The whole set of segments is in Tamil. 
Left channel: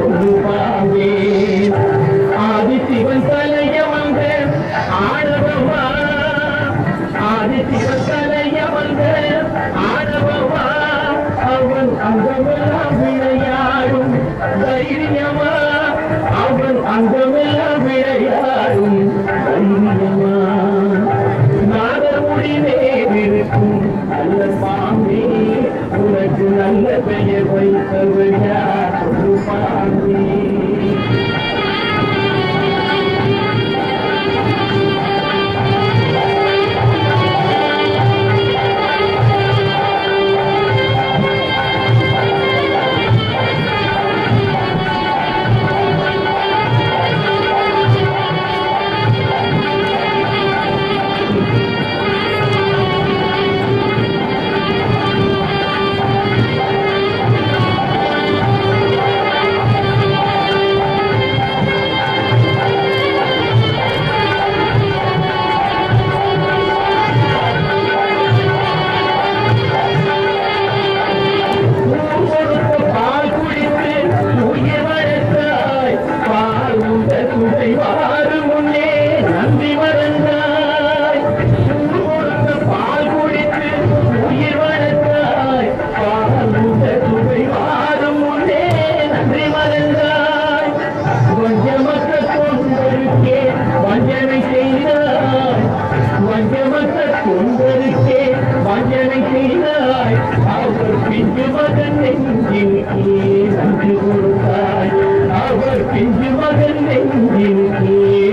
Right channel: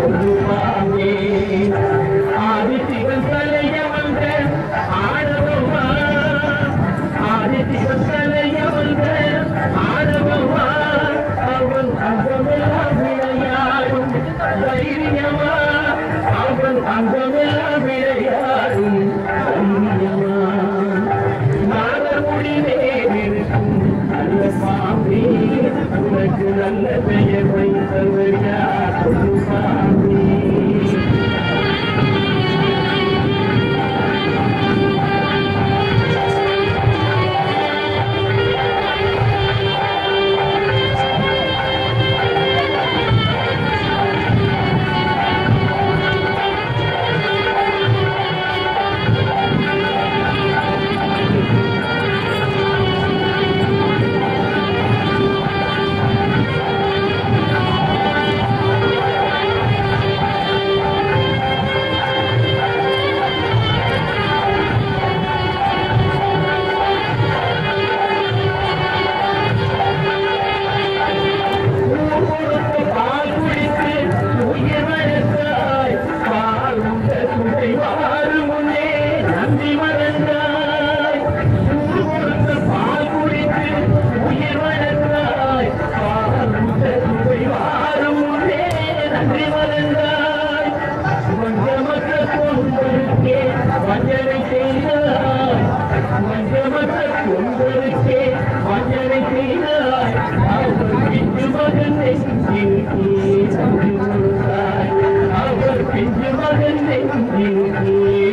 சொல்லுவாவே ஆதிசிவன் தலைய வந்த ஆடவா ஆதிசிவன் தலைய வந்த ஆடவா அவன் அங்கமெல்லாம் விளையாடும் தைரியமா அவன் அங்கமெல்லாம் விளையாடும் தைரியமா நாதமுடி நேரிருக்கும் நல்ல சாமி உனக்கு நல்ல பெயர் வைத்தவர் யார் சொல்லுவாமி அவர் பிஞ்சு மகன்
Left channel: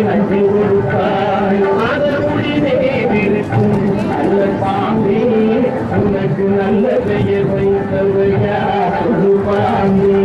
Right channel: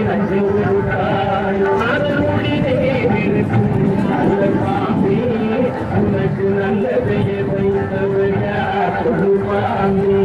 நஞ்சு கொடுத்தாய் அதனுடி நேரிருக்கும் நல்ல சாமி உனக்கு நல்ல பெயர் வைத்தவர் யார் சொல்லுவாமி